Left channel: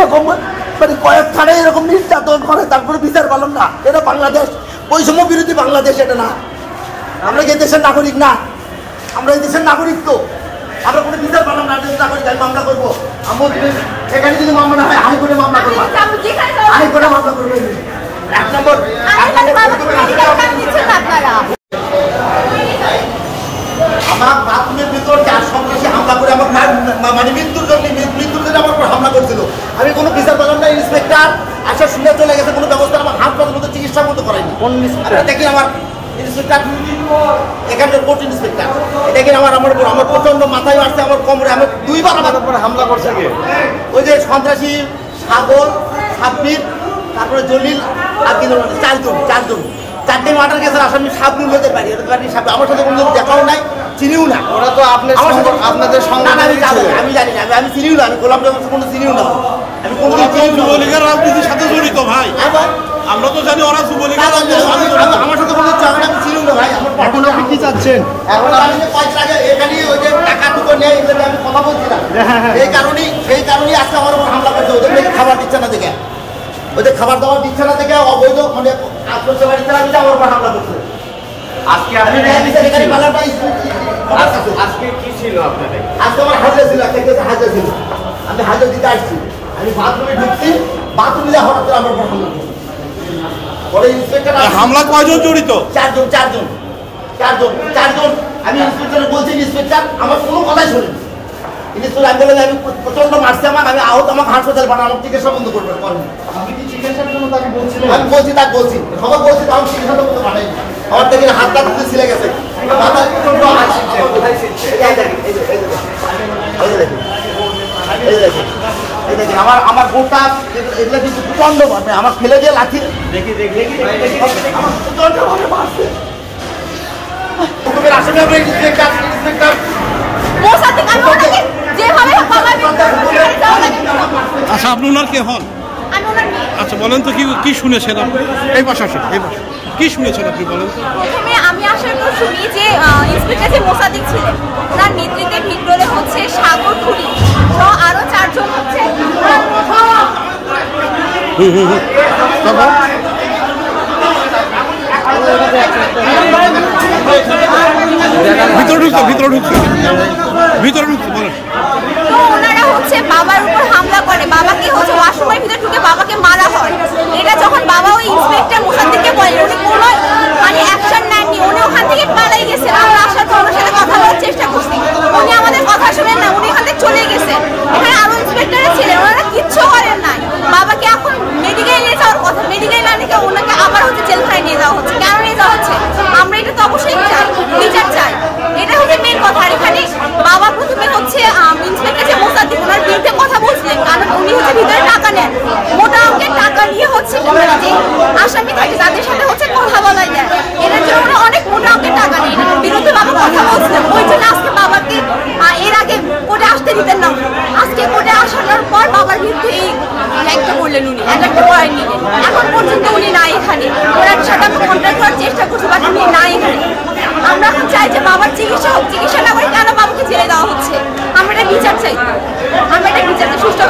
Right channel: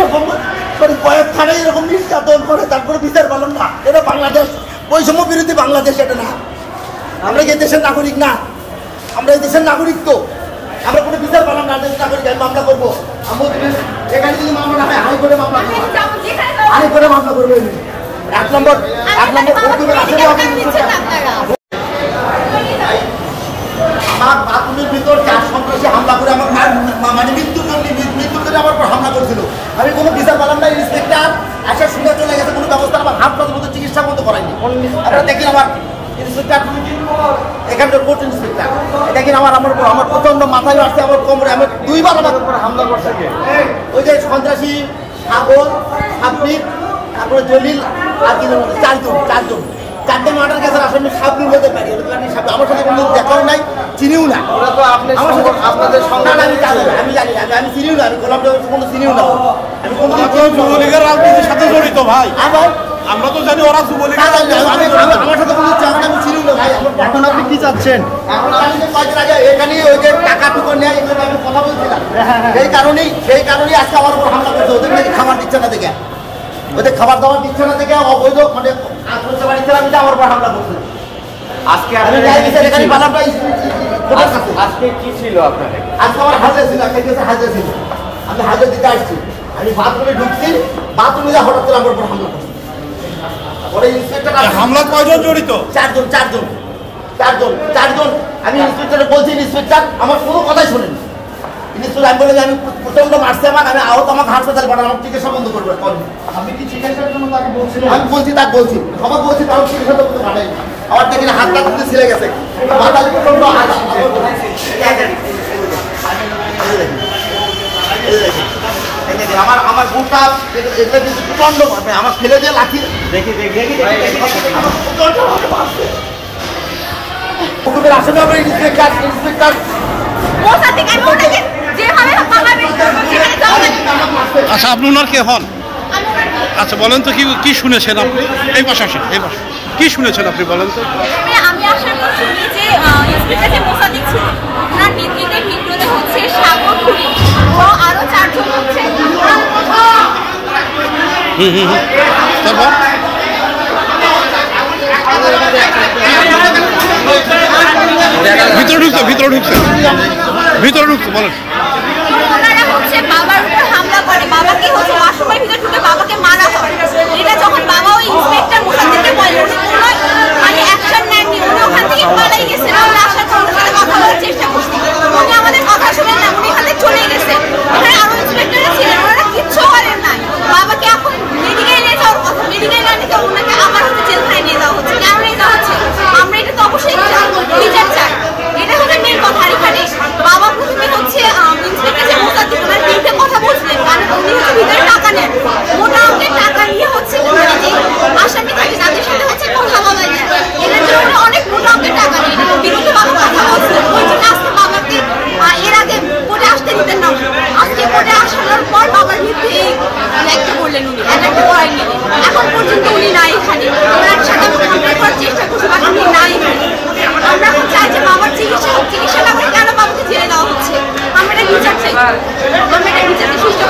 এরকম মানে কয়েক থানায় এরকম নির্যাতন করে তারপরে বিচার পেলাম না। এটা বাংলাদেশ, বৈষম্য বিরোধী বাংলাদেশ এটা না। আমরা কি দেশের নাগরিক না? আমরা এই দেশের নাগরিক তো, আমরা কোনো বিচার পেলাম না। দেশের নাগরিক আমি মামলা করবো। এখানে যদি মামলা না হয় হাইকোর্টে মামলা করবো, হাইকোর্টে মামলা করবো। এক নম্বর আমার বাথরুমের ভিতর 4 সন্ত্রাসী হামলা করে আমার মানে মৃত্যুর জন্য আমার উপর হামলা করছিল। আমি কোনো বিচার পেলাম না। ইন্সপেক্টর আসার শুনে চলে গেছে, কোনো ব্যবস্থা আমার হাসপাতালের মধ্যে চিকিৎসার মতো করায়নি। আপনারা দেখি আমার ইন্সপেক্টর, এখানকার কোর্ট ইন্সপেক্টর, এটা কিনা আমার উপর আমার প্রচন্ড মাথায় মারছে, আমার কোমরে, আমার 2 বার আমার হামলা করছে। ওই যে সন্ত্রাসী সাগর, সাব্বির, তারপরে জলিল আর কি 4জন 4টে মার্ডার কেসের আসামি সাবনুর হতে পারি। আমার সাথে কোনো দেখাও নাই, চিনিও না আমার সাথে। না না আমি জানি না, আমি চিনিও না, আমি গোলাম কোনো চিনিও না। আমি যুবলীগের রাজনীতির সাথে জড়িত ভাই। হ্যাঁ ভাই, আমরা তো জানি ওরা যুবলীগের। আমার সাথে কোনো জায়গা আমি চিনিও না ভাই। আমার এখন আপনি কি চাচ্ছেন? এখন আমি যে কয়েকদিন আগে এখানে ওই যে টাকা টুকু নেয় এগুলো আমি কথা বলছিলাম, সেই কারণেই আজকে আমার উপর হামলা করছে। ওদের নাকি খাবার দিচ্ছে না দেখে, ওদের খাবার দাবার দিচ্ছে না দেখে অবৈধ মানে আমার উপর হামলা করছে। আজকে কি ছিল আপনাদের? আজকে আমার হাজিরা ছিল, একটা কেসে হাজিরা ছিল। আমি হাজিরা দিতে আসছি, আমি বাথরুমে ঢুকছি, বাথরুমে যা হঠাৎ করে আমার উপর হামলা করছে। পরে ইন্সপেক্টর হামলা কয়জন জড়িত? 4জন। আমি ইন্সপেক্টর বলছি, ইন্সপেক্টর আমার কোনো কথাই শোনেন। ইন্সপেক্টর আমি বলে আমি প্রচন্ড মারছি, আমি আহত, আমাকে হাসপাতালে পাঠান, আমার চিকিৎসা বন্ধ করবেন। আপনি কি চিকিৎসার জন্য তাকে বলছিলেন? আমি বলছি, তাকে বলছি, সবাই বলছি, আমার চিকিৎসা বন্ধ পাঠাই। আমার থেকে হাতটা তুলে ছিলে গেছে, মাথায় প্রচন্ড আমার গোটা এগুলো কিন্তু প্রচন্ড ভাবে আমার ফেলে দিয়ে লাঠি দেখি আচ্ছা, আপনি ওনার কে হন? আচ্ছা বলেন তো কি শুনেছেন আপনি? এই পাশে আসেন, এই পাশে কি শুনেছেন আপনি বলেন তো? আমি আসার পর শুনি যে ইন্সপেক্টর যে মোসাদ্দেক ছিল, তার নেতৃত্বে ভিতরে হচ্ছে সাগর খুলি ও আরো 4 জন হচ্ছে। তারপর ভিতরে ঢুকছে বলেন। ওনারা হচ্ছে বাবার উপর হামলা করে, বাবাকে হচ্ছে ওয়াশরুমের ভিতরে ঢুকে বাবাকে মারা হয়। এটা যখন বাবা ওই ইন্সপেক্টর মোসাদ্দেককে বলে, উনি কোনো মানে অ্যাকশন নেননি, উনি ওখান থেকে পালাই গেছেন। আমরা আসার পর ওনার সাথে কথা বলার চেষ্টা করছি, উনি আমাদের কথা শুনেন না, উনি এখান থেকে চলে গেছে। এখানে আরো ইন্সপেক্টররা ছিলেন, ওনারা কিচ্ছু করেন নাই। বাবাকে এখন মেডিকেলে নিয়ে যাওয়ার কথা, মেডিকেলে না নিয়ে ওনাকে আবার হচ্ছে জেলখানায় নিয়ে যাওয়া হচ্ছে। কেন নিয়ে যাওয়া হচ্ছে? আমরা এটা তো অবশ্যই বিচার চাই, এটা হচ্ছে মেন কথা। এখানে বাবা প্রথমে হচ্ছে ইন্সপেক্টর যে মোসাদ্দেক, ওনার বিরুদ্ধে কথা বলছিলেন, কারণ উনি হচ্ছে ভিতরে টাকা নেন, মোটা অঙ্কের টাকা নিয়ে হচ্ছে মানে যে আসামি থাকে তাদের সাথে হচ্ছে কথা বলা যায়, এটার জন্য ওরা অনেক মোটা অঙ্কের টাকা নেন। বিরুদ্ধে বাবা কথা বলছিলেন, ওই জন্য আজকে বাবাকে এর আগে কোর্টে আসতে দিতেন না। আজকে কোর্টে আসানোর পর বাবার বিরুদ্ধে এই একটা করলেন, উনি একটা করেন নিলেন। এখন পর্যন্ত উনি নাই এখানে, ওনার সাথে আমরা কন্ট্যাক্ট করার চেষ্টা করছি, বাট উনি নাই এখানে। আমরা এখন চাই যে বাবার চিকিৎসা হোক, চিকিৎসা না করে কেন বাবাকে জেলে দেওয়া হচ্ছে? আমরা এটা বিচার চাই, আমরা এটা বিচারটা সুস্থ